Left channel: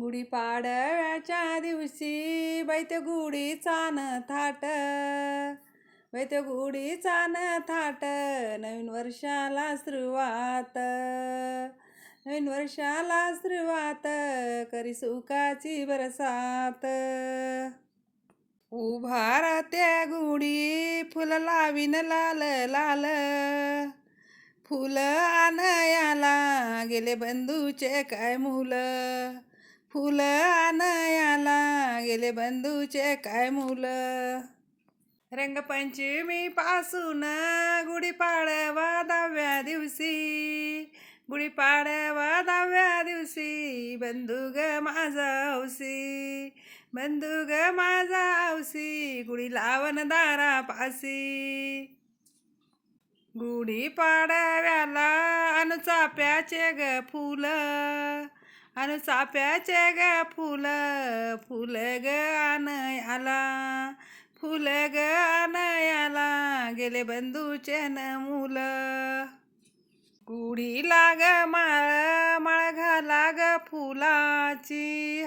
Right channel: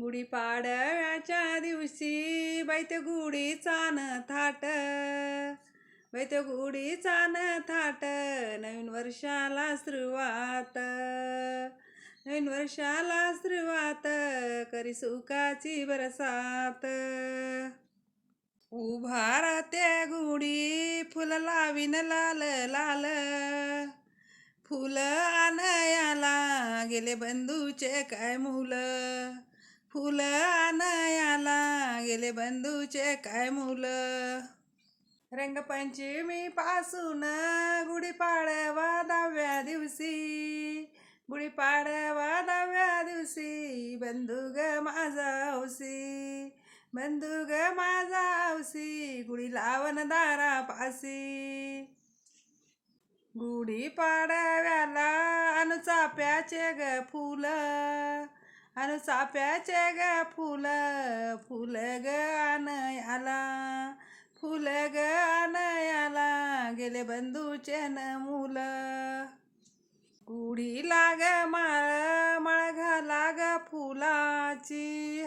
गुढीपाडव्याच्या दिवशी बैत गुढी चान थाट. बैत गुढी चान थाट नवीन वर्षाला सुरुवात. नवीन वर्षाला सुरुवात करी सुखाची बरसात. उभा त्या गुढी फुल लावीन लाल लाल. फुलं आनयाला गेले बंधूचे काय मुलं? फुलं आनयाला गेले बंधूचे काय मुलं? रंगपंचमी पासून गुढीपाडवा दहाव्या दिवशी गुढीपाडवा दहाव्या दिवशी बंधू ग माझा हौसी बंधू ग माझा हौसी गुढी लावण दारा पासी गुढी चाप्याचे ग फुलं अन चाफ्याचे ग फुल फुल ग आला फुल ग आला गेले बंधूचे न मुल. गुढी लाग माळ माळ घाला ग फुलाची.